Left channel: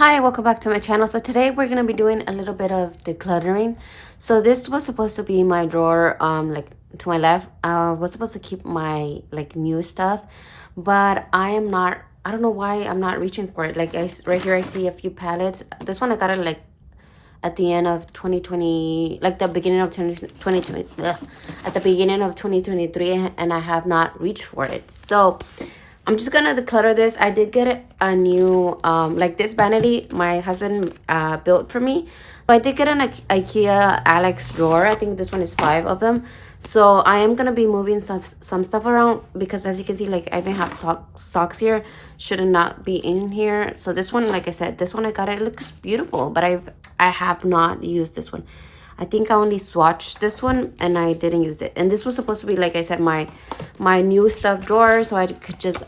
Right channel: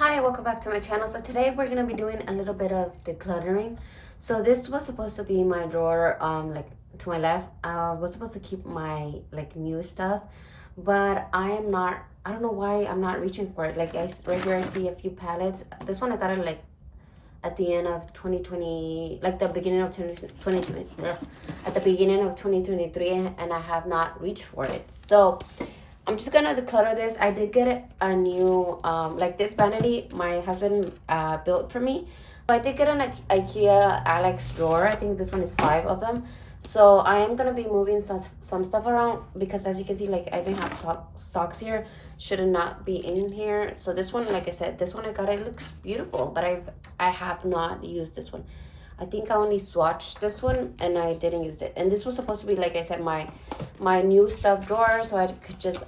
Hi, welcome back to my channel. So today we're gonna be doing a little bit of decluttering. So this was supposed to be my drawer, like to my left. I was supposed to keep my like new stuff, but I am not. I don't know why I'm not reaching for it. Like right here, I see a few palettes. This one I got it like at the end of 2020, like the beginning of 2020, at the beginning of 2023, and I have not reached for it. So I'm just gonna declutter this. I did get a new, like this vanity my husband built for me. So I did get an IKEA Alex drawer. I think this one is 5 of them. So I am gonna be moving some stuff around because as you can see, like I even have socks here. Should not be in here. So this one, like I said, this one I got it looks beautiful, but I have not used this one. I think I only swatched this one and I didn't use it. And this was supposed to be, like I said, my new stuff drawer, so I could just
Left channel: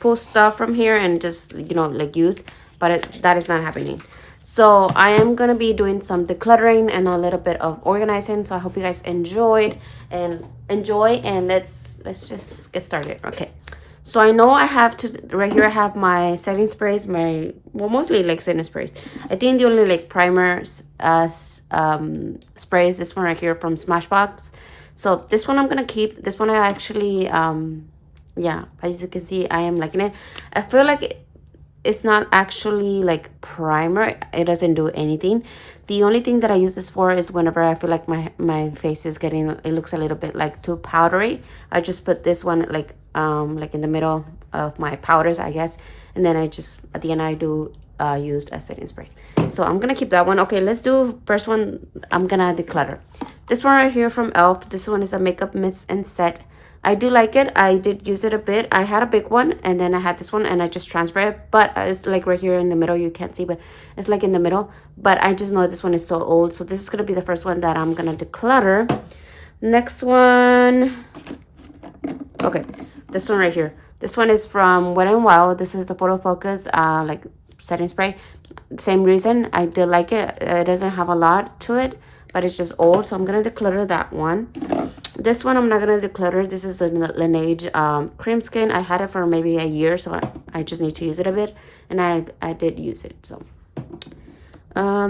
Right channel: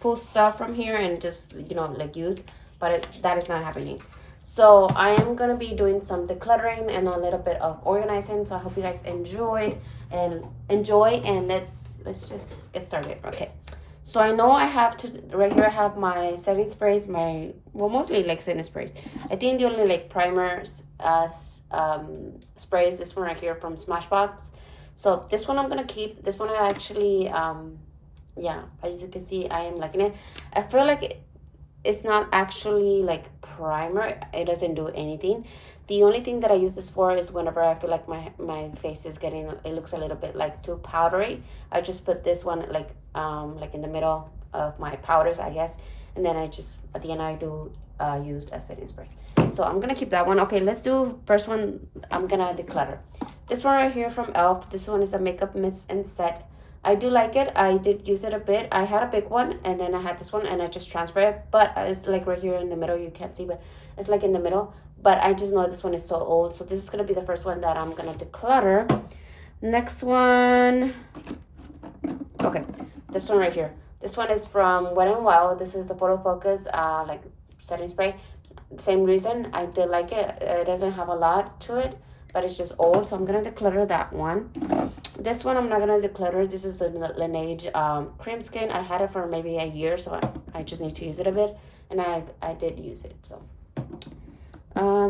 pull stuff from here and just, you know, like use, but that is not happening. So I am gonna be doing some decluttering and a little bit of organizing. So I hope you guys enjoy and let's just get started. Okay. So I know I have to, right here I have my setting sprays, mostly like setting sprays. I think the only like primers sprays, this one right here from Smashbox. So this one I'm gonna keep. This one I actually, yeah, as you can see, I am liking it. I feel like it's not actually like primer. It doesn't do anything. The only thing that I use this for is whenever I feel like my face is getting, it looks a little bit like too powdery. I just put this one like in the middle of my powders, I guess, and then I just at the end I do use a setting spray. So I'm gonna keep that one. Okay, let's do first one. I'm gonna declutter this one right here from Elf. This one is a makeup mist and set. I do like it. I did use it a bit. I had a big one and then I had this one and I just transferred it, but it's like right here in the middle. You can't see, but it's like in the middle. But I just know this one is so old, so this is gonna be the first one that I'm gonna declutter. Next one, okay, this one right here. This one is from Wet n Wild. This is the Photo Focus like setting spray. Same reason, I did like it. It doesn't have a lot to it, but it's just old, so I'm gonna declutter that one. This one I'm not gonna declutter. This is a Laneige cream skin. I had it for maybe a year, so I just need to use it a bit, and I did use it. So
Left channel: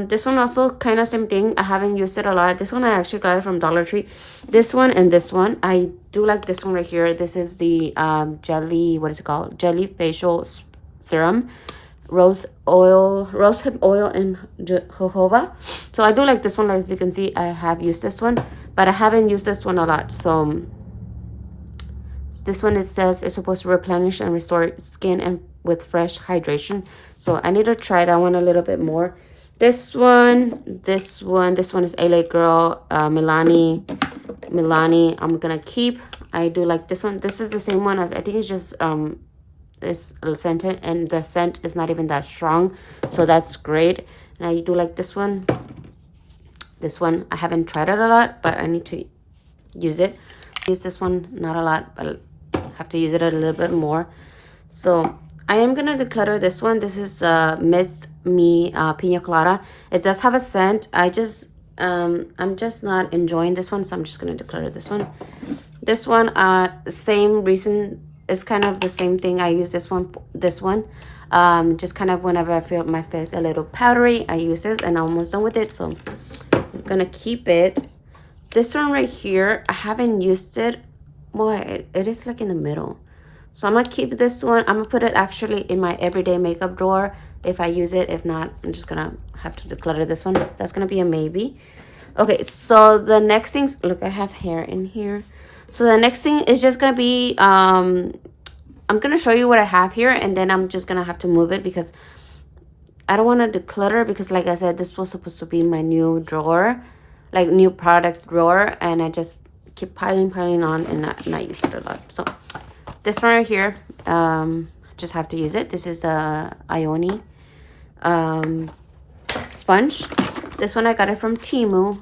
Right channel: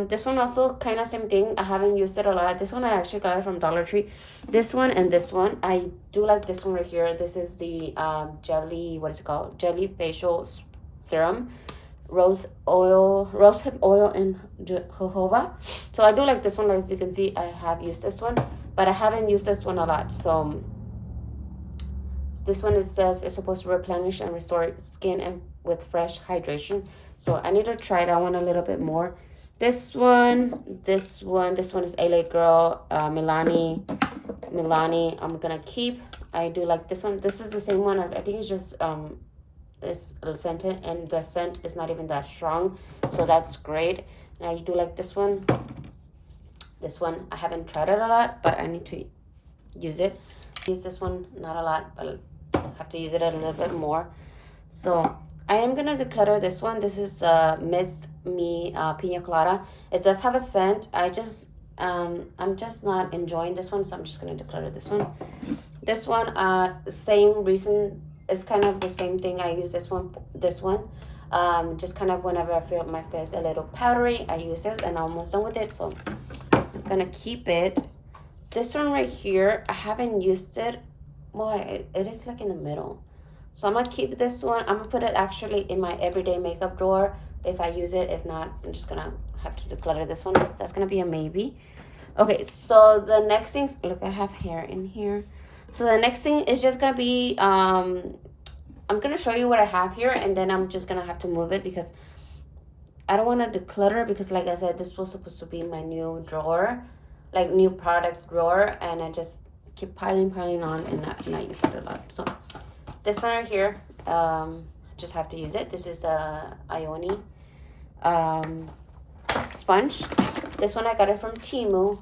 this one also kind of same thing. I haven't used it a lot. This one I actually got it from Dollar Tree. This one and this one, I do like this one right here. This is the jelly, what is it called, jelly facial serum, rosehip oil and jojoba. So I do like this one. As you can see, I have used this one, but I haven't used this one a lot. So this one, it says it's supposed to replenish and restore skin and with fresh hydration. So I need to try that one a little bit more. This one is LA Girl, Milani. I'm gonna keep. I do like this one. This is the same one as, I think it's just it's scented, and the scent is not even that strong, so that's great. And I do like this one. This one I haven't tried it a lot, but I need to use it. Use this one not a lot, but I have to use it a little bit more. So I am gonna declutter this one. This is Mist Me Pina Colada. It does have a scent. I'm just not enjoying this one, so I'm just gonna declutter this one. This one, same reason. It's kind of the same thing. I use this one. Just kind of whenever I feel my face a little powdery, I use this, and I'm almost done with it, so I'm gonna keep it. This one right here, I haven't used it. Well, it is like in the middle, so I'm gonna keep this one. I'm gonna put it actually in my everyday makeup drawer if I use it. If not, I'm just gonna have to declutter this one. That's gonna be a maybe. Okay, so the next things, look, I have hair in here. So the next thing is just gonna be I'm gonna show you what I have here, and then I'm just gonna have to move it because I don't want to declutter, because like I said, this was supposed to be my new drawer, like new products drawer, and I just keep piling on and not use it a lot. So this one right here, just have to use it. This is a Ioni sponge. This one I got it from Temu.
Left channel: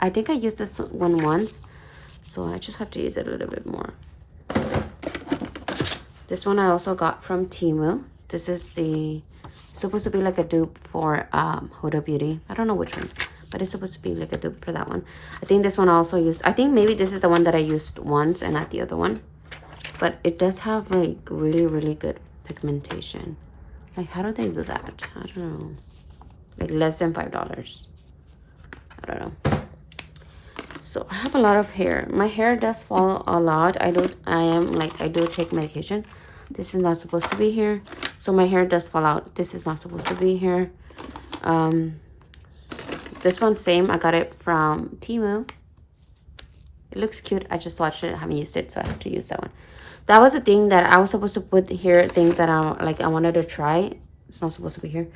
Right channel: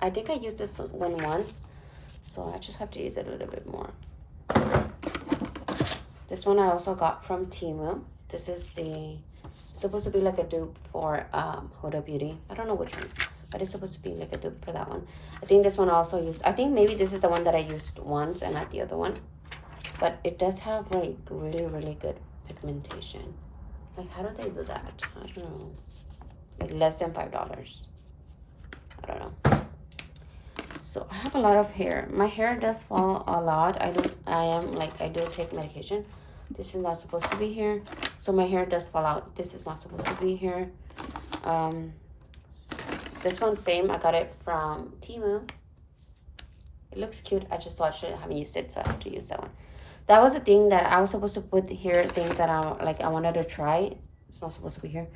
I think I used this one once, so I just have to use it a little bit more. This one I also got from Temu. This is supposed to be like a dupe for Huda Beauty. I don't know which one, but it's supposed to be like a dupe for that one. I think this one I also used. I think maybe this is the one that I used once and not the other one. But it does have like really, really good pigmentation. Like, how do they do that? I don't know. Like, less than $5. I don't know. So I have a lot of hair. My hair does fall a lot. I do take medication. This is not supposed to be here. So my hair does fall out. This is not supposed to be here. This one's same. I got it from Temu. It looks cute. I just watched it. I haven't used it, so I have to use that one. That was the thing that I was supposed to put here, things that I wanted to try. It's not supposed to be here.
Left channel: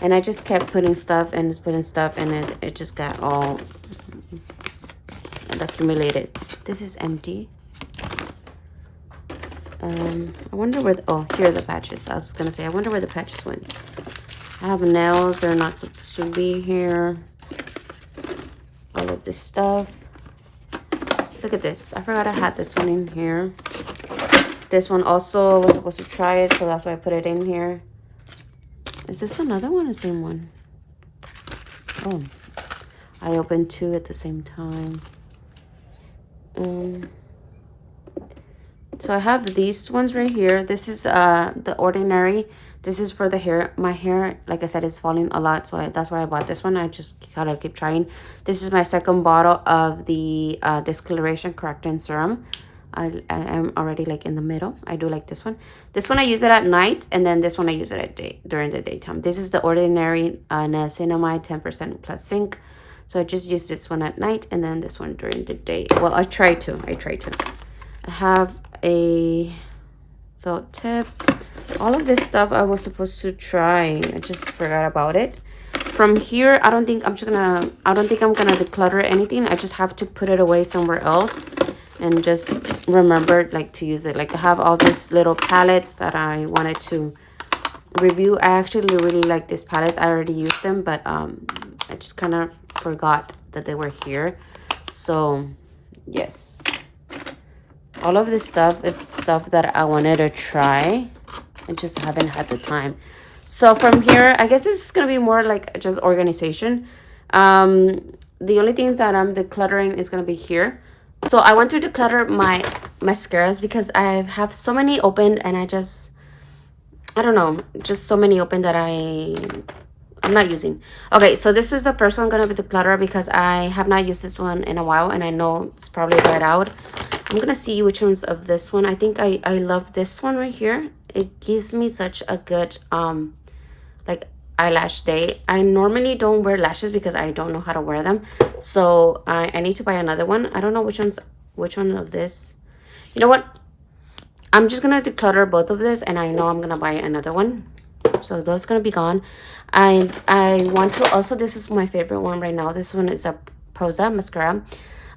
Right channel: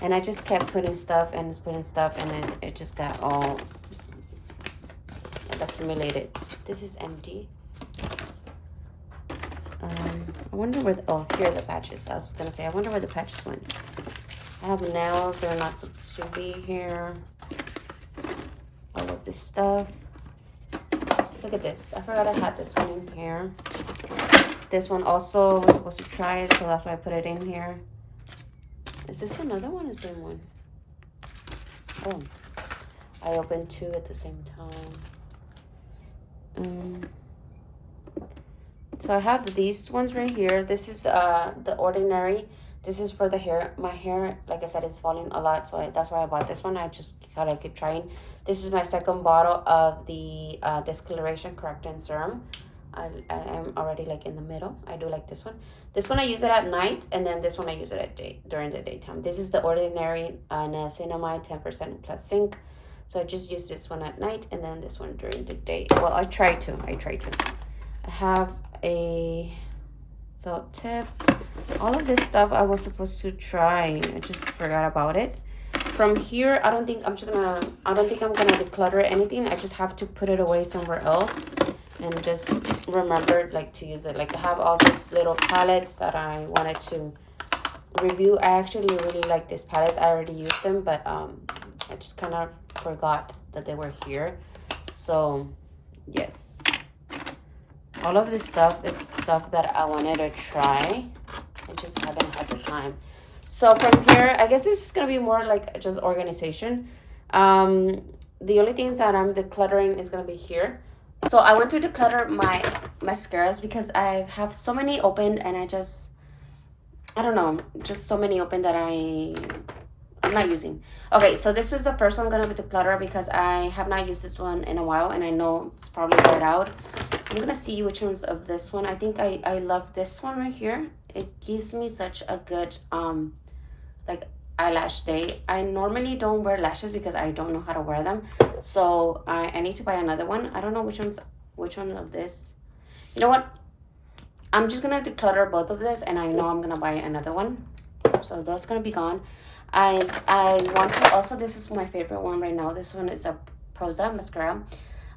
And I just kept putting stuff and putting stuff, and then it just got all accumulated. This is empty. I wonder where oh, here are the patches. I was gonna say, I wonder where the patches went. I have nails. They're not supposed to be here. All of this stuff. Look at this. I forgot I had this one in here. This one also was supposed to try it, so that's why I put it in here. Is this another one or the same one? Oh, I opened two at the same time. So I have these ones right here. This is the Ordinary. This is for the hair. My hair, like I said, is falling a lot, so that's why I bought this one. I just gotta keep trying. This is my second bottle of the discoloration correcting serum. I am already like in the middle. I do like this one. This one I use it at night, and then this one I use it during the daytime. This is the Ordinary niacinamide 10% plus zinc. So I just use this one at night, and then this one during the day. Well, I try to. I have a felt tip. All of this stuff I was supposed to try. I just forgot about it. From here, I don't think I'm gonna declutter anything. I just have to put it away somewhere else and just remember like to use it. Like, I have all these little palettes that I wanted to review. I actually really like these palettes. I already used them, but I just kind of forgot that they were here. So yes, all of this stuff is stuff that I wanted to try. I just haven't had the time. So from here, I guess this is gonna be more like just organization. The only things that I'm decluttering is gonna be here. So I want to declutter my mascaras because I have so many open, and I don't know, just so many open that I'm not using. Okay, so this is the first one gonna be declutter because I have not used this one in a while, and I know it's probably right out. I'm gonna see which ones of this one. I think I love this one right here. It gives me such a good like eyelash day. I normally don't wear lashes because I don't know how to wear them, so I need to buy another one. I don't know which one of this. You know what, I'm just gonna declutter both of this, and I know I'm gonna buy another one, so that's gonna be gone. I want to also, this is my favorite one right now. This one is a Prosa mascara.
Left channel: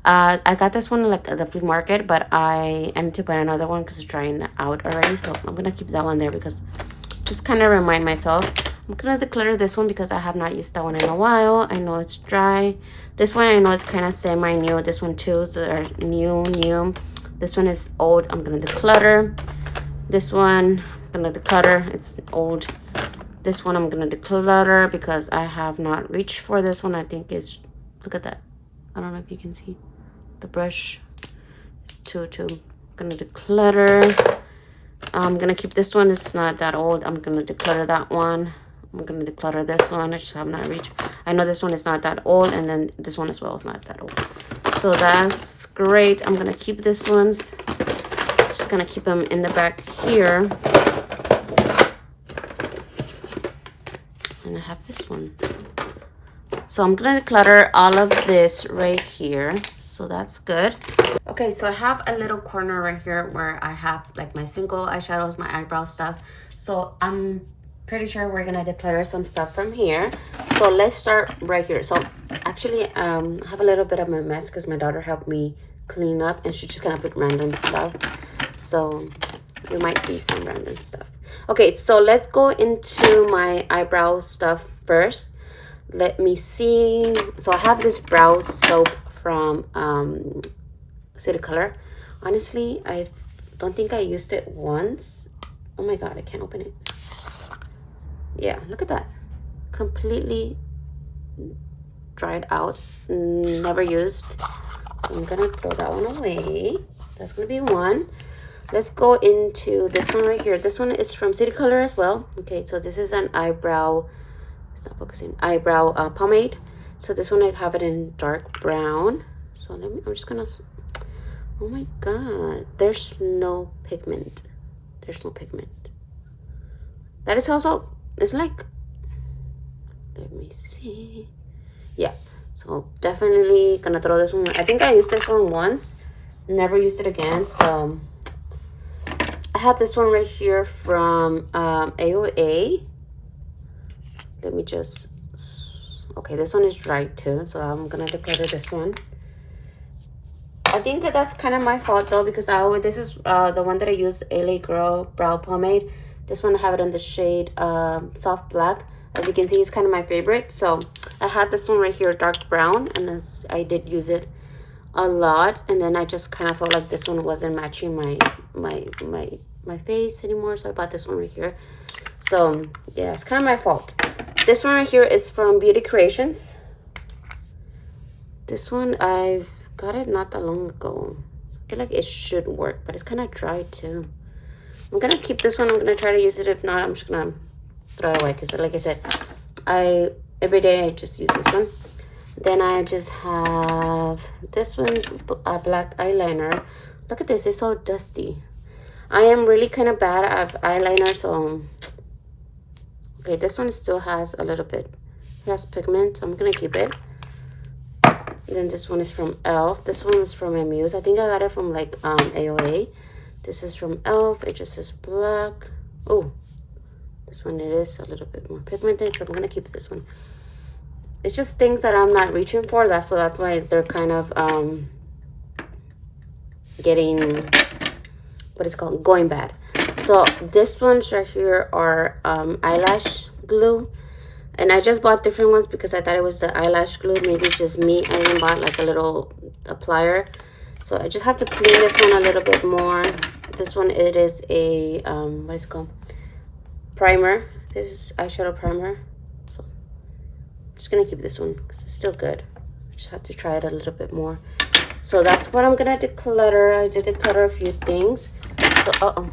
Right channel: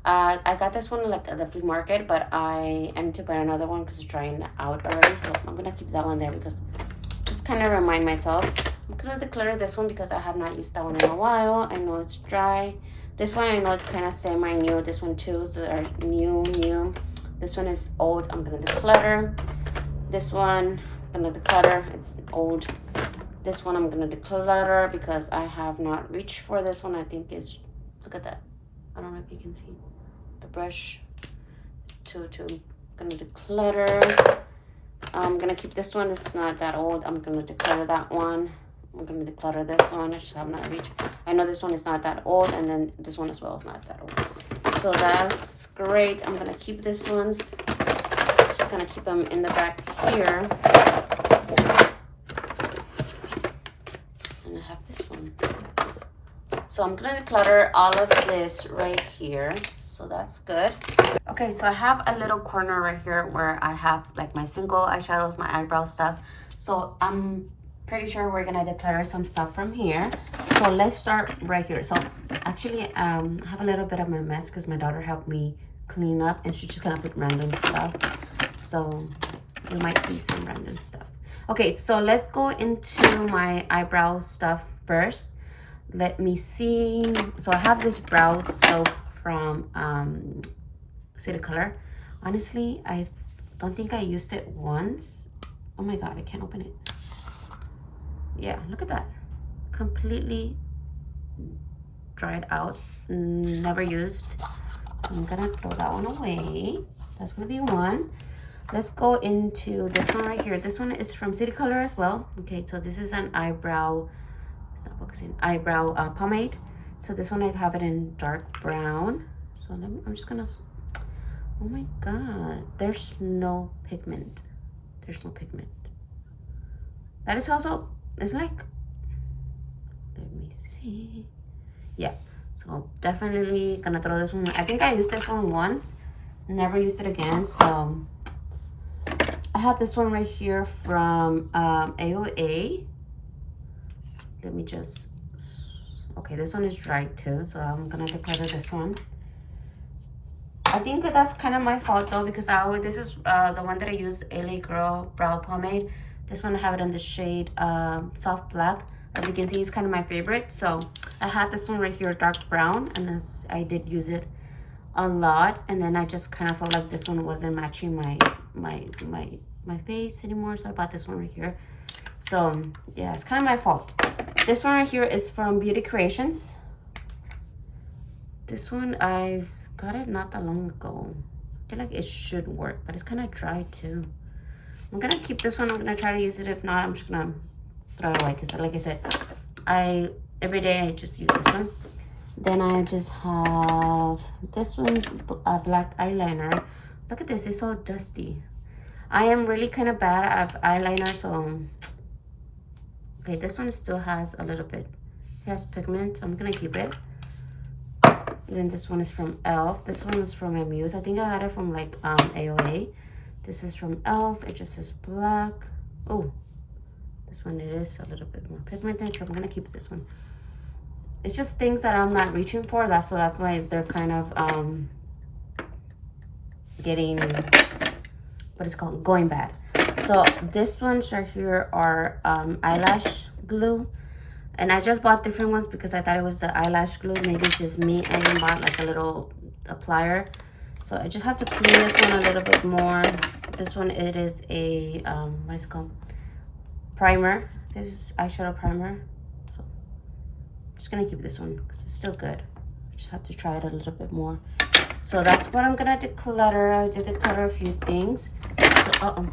I got this one like at the flea market, but I am to buy another one because it's drying out already, so I'm gonna keep that one there because just kind of remind myself. I'm gonna declutter this one because I have not used that one in a while. I know it's dry. This one I know is kind of semi-new. This one too, so they're new. This one is old. I'm gonna declutter. This one I'm gonna declutter. It's old. This one I'm gonna declutter because I have not reached for this one. I think is, look at that. I don't know if you can see the brush. It's too. I'm gonna declutter. I'm gonna keep this one. It's not that old. I'm gonna declutter that one. I'm gonna declutter this one. I just have not reached. I know this one is not that old, and then this one as well is not that old. So that's great. I'm gonna keep this ones. Just gonna keep them in the back here. And I have this one. So I'm gonna declutter all of this right here. So that's good. Okay, so I have a little corner right here where I have like my single eyeshadows, my eyebrow stuff. So I'm pretty sure we're gonna declutter some stuff from here. So let's start right here. So actually I have a little bit of a mess because my daughter helped me clean up, and she's just gonna put random stuff. So you might see some random stuff. Okay, so let's go into my eyebrow stuff first. Let me see. So I have this brow soap from City Color. Honestly, I don't think I used it once. Oh my god, I can't open it. Yeah, look at that. Completely dried out. Never used. So I'm gonna throw that one away. That's gonna be one. let's go into this one right here. This one is from City Color as well. Okay, so this is an eyebrow, stop focusing, eyebrow pomade. So this one I have it in dark brown. So let me, I'm just gonna, oh my god, there's no pigment. There's no pigment. That is also, it's like, let me see. Yeah, so definitely gonna throw this one. I think I used this one once, never used it again. So I have this one right here from AOA. Let me just, okay, this one is dry too, so I'm gonna declutter this one. I think that's kind of my fault though, because I always, this is the one that I use, LA Girl Brow Pomade. This one I have it in the shade Soft Black. As you can see, it's kind of my favorite. So I had this one right here, dark brown, and I did use it a lot. And then I just kind of felt like this one wasn't matching my face anymore, so I bought this one right here. So yeah, it's kind of my fault. This one right here is from Beauty Creations. This one I've got it not that long ago. I feel like it should work, but it's kind of dry too. I'm gonna keep this one. I'm gonna try to use it. If not, I'm just gonna throw it away, because like I said, every day I just use this one. Then I just have this one's a black eyeliner. Look at this, it's so dusty. I am really kind of bad at eyeliner, so okay, this one still has a little bit, it has pigment, so I'm gonna keep it. Then this one is from Elf. This one is from Amuse. I think I got it from like AOA. This is from Elf. It just says black. Oh, this one, it is a little bit more pigmented, so I'm gonna keep this one. It's just things that I'm not reaching for. That's why they're kind of getting, what is it called, going bad. So this ones right here are eyelash glue. And I just bought different ones because I thought it was the eyelash glue. Maybe it's just me. I even bought like a little applier. So I just have to clean this one a little bit more. This one, it is a, what is it called? Primer. This is eyeshadow primer. So I'm just going to keep this one because it's still good. I just have to try it a little bit more. So that's what I'm going to declutter. I did declutter a few things. So,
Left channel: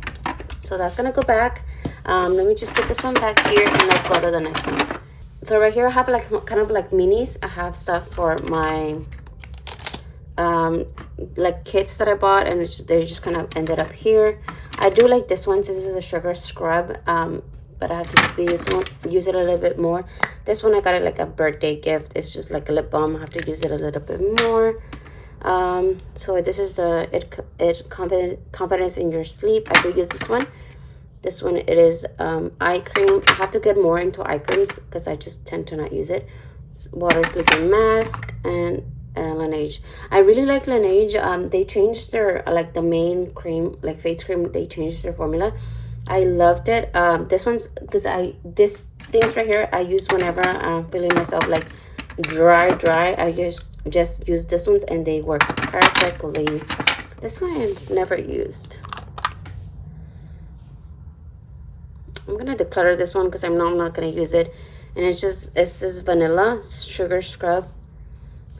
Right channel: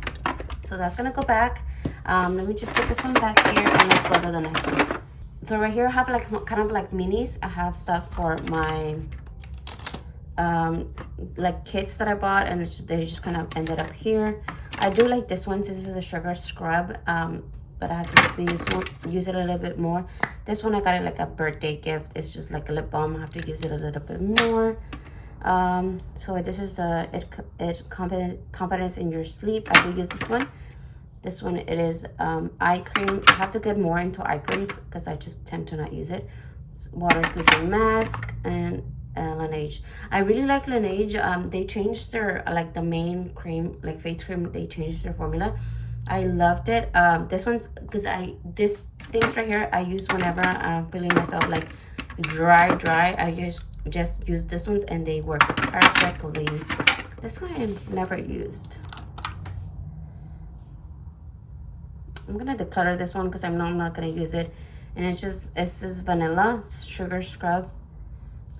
so that's going to go back. Let me just put this one back here and let's go to the next one. So right here I have like kind of like minis. I have stuff for my like kits that I bought, and they just kind of ended up here. I do like this one. This is a sugar scrub, but I have to use it a little bit more. This one I got it like a birthday gift. It's just like a lip balm. I have to use it a little bit more. So this is confidence in your sleep. I do use this one. This one, it is eye cream. I have to get more into eye creams because I just tend to not use it. Water sleeping mask and Laneige. I really like Laneige. They changed their like the main cream, like face cream. They changed their formula. I loved it. This one's because this things right here I use whenever I'm feeling myself like dry. I just use this ones and they work perfectly. This one I've never used. I'm gonna declutter this one because I'm not gonna use it, and it says vanilla sugar scrub.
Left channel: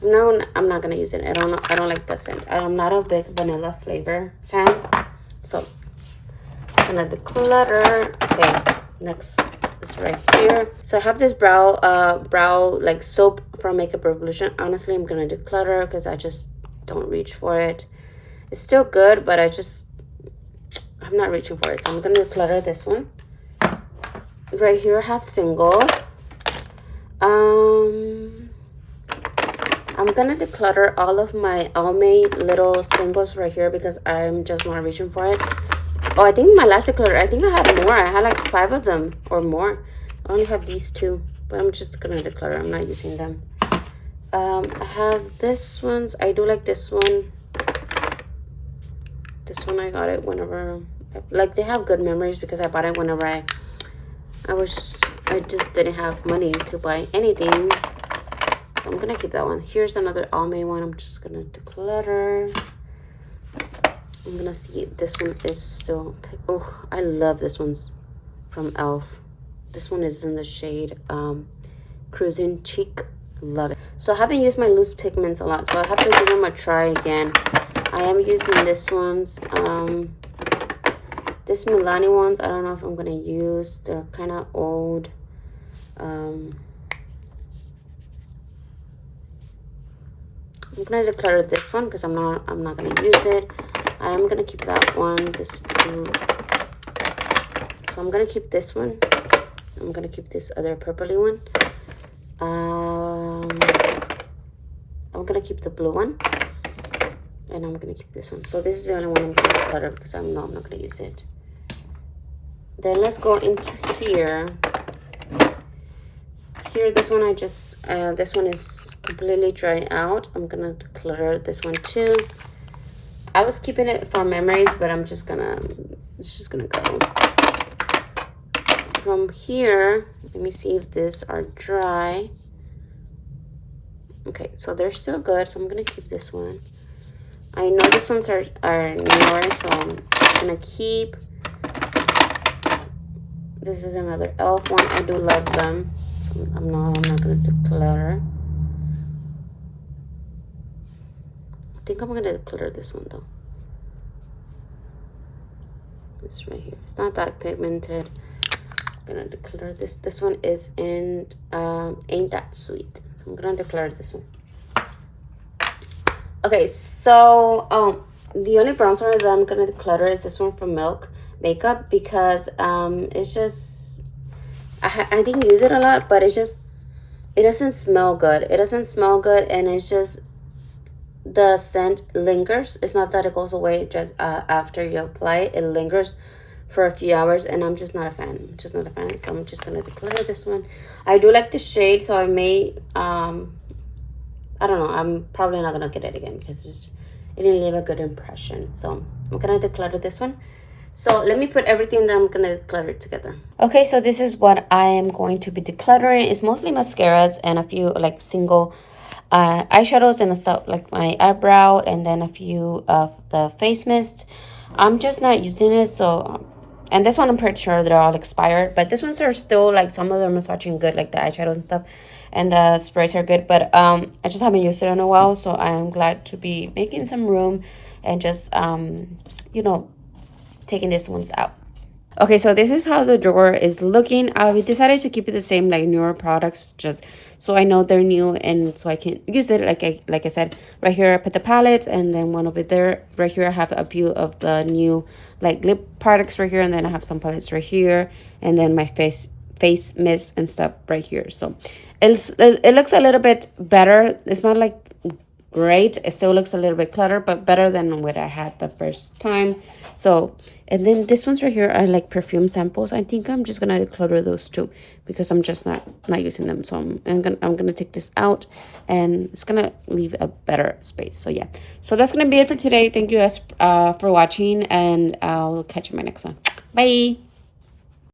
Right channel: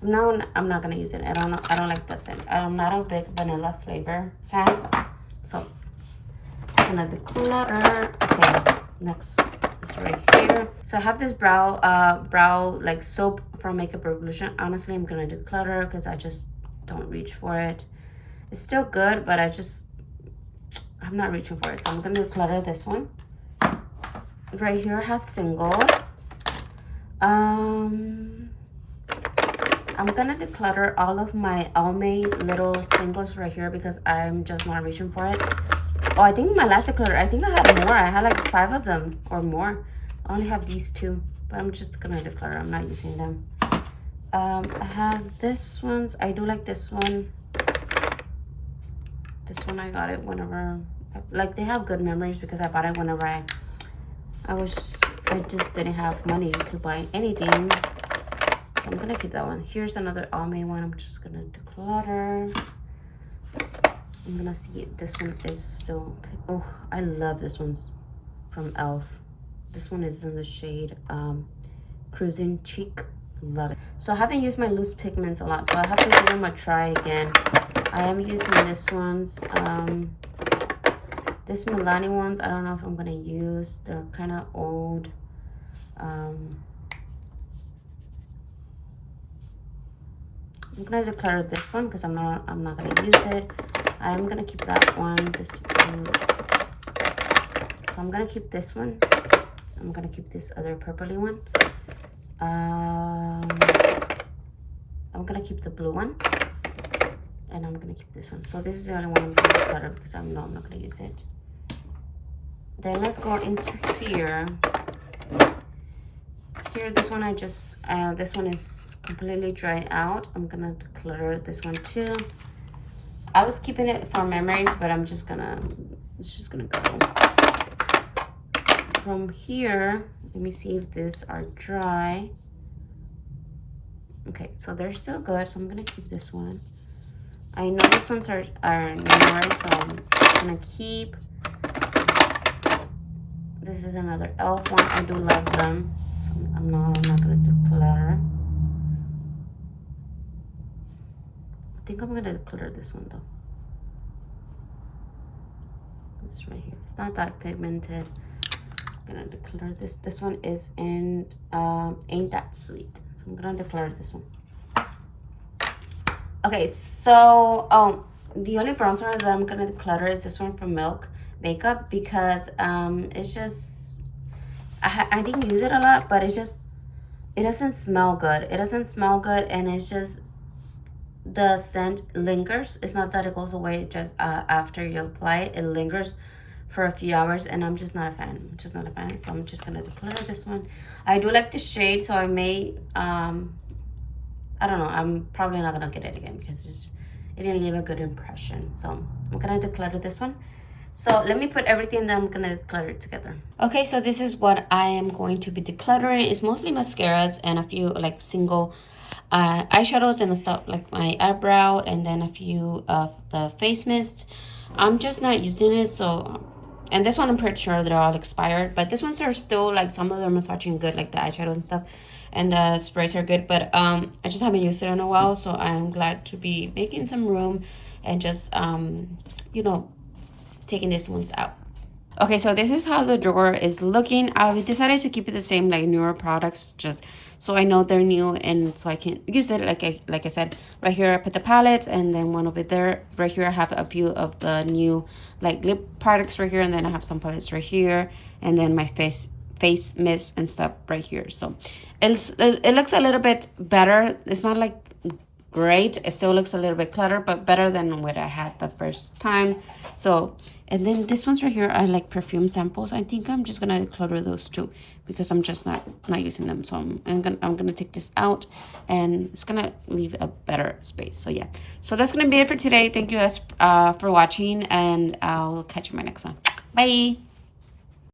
I'm not gonna use it. I don't like the scent. I'm not a big vanilla flavor fan, so I'm gonna declutter. Okay, next is right here. So I have this brow like soap from Makeup Revolution. Honestly, I'm gonna declutter because I just don't reach for it. It's still good, but I'm not reaching for it, so I'm gonna declutter this one. Right here I have singles. I'm gonna declutter all of my Almay little singles right here because I'm just not reaching for it. Oh, I think my last declutter, I think I had more. I had like 5 of them or more. I only have these 2, but I'm just gonna declutter. I'm not using them. I have this ones. I do like this one. This one I got it whenever, like they have good memories because I bought it whenever I just didn't have money to buy anything. So I'm gonna keep that one. Here's another Almay one. I'm just gonna declutter. I'm gonna see if this one is still, oh, I love this one's from Elf. This one is in the shade Cruising Cheek. Love it. So I haven't used my loose pigments a lot, so I have to give them a try again. I am using this one's This Milani ones, I don't know if I'm gonna use. They're kind of old. I'm gonna declutter this one because I'm not gonna use it. I am gonna keep that one, this blue. So I'm gonna keep this one. I'm gonna keep this other purpley one. I'm gonna keep the blue one. And I'm gonna keep this one. So this is the only one I'm gonna declutter because I'm not gonna use it. Then let's go into here. Here, this one I just, this one is completely dried out. I'm gonna declutter this one too. I was keeping it for memories, but I'm just gonna, it's just gonna go. From here, let me see if these are dry. Okay, so they're still good, so I'm gonna keep this one. I know these ones are newer, so I'm gonna keep. This is another elf one. I do love them, so I'm not gonna declutter. I think I'm gonna declutter this one though. This right here. It's not that pigmented. I'm gonna declutter this. This one is in Ain't That Sweet. So I'm gonna declutter this one. Okay, so the only bronzer that I'm gonna declutter is this one from Milk Makeup because it's just I didn't use it a lot, but it doesn't smell good. It doesn't smell good, and it's just the scent lingers. It's not that it goes away just after you apply it. It lingers for a few hours, and I'm just not a fan. I'm just not a fan. So I'm just gonna declutter this one. I do like the shade, so I may I don't know. I'm probably not gonna get it again because it didn't leave a good impression. So I'm gonna declutter this one. So let me put everything that I'm gonna declutter together. Okay, so this is what I am going to be decluttering. It's mostly mascaras and a few like single eyeshadows and stuff like my eyebrow, and then a few of the face mist. I'm just not using it, so. And this one I'm pretty sure they're all expired, but this ones are still like some of them are swatching good, like the eyeshadows and stuff, and the sprays are good. But I just haven't used it in a while, so I am glad to be making some room and just you know, taking these ones out. Okay, so this is how the drawer is looking. I decided to keep it the same, like newer products, just so I know they're new and so I can use it. Like I said, right here I put the palettes, and then one over there. Right here I have a few of the new like lip products right here, and then I have some palettes right here, and then my face mist and stuff right here. So it looks a little bit better. It's not like great, it still looks a little bit cluttered, but better than what I had the first time. So, and then this ones right here are like perfume samples. I think I'm just gonna declutter those too because I'm just not using them. So I'm gonna take this out, and it's gonna leave a better space. So yeah, so that's gonna be it for today. Thank you guys for watching, and I'll catch you in my next one. Bye.